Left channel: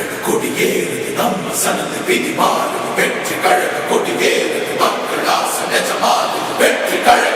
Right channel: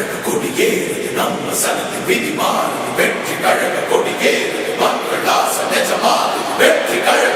கழக கொடியேறு நம்ம சனத்து விதி மாறு வெற்றி கழக கொடியேறு மக்கள் ஆசை நெஜமாறு வெற்றி கழக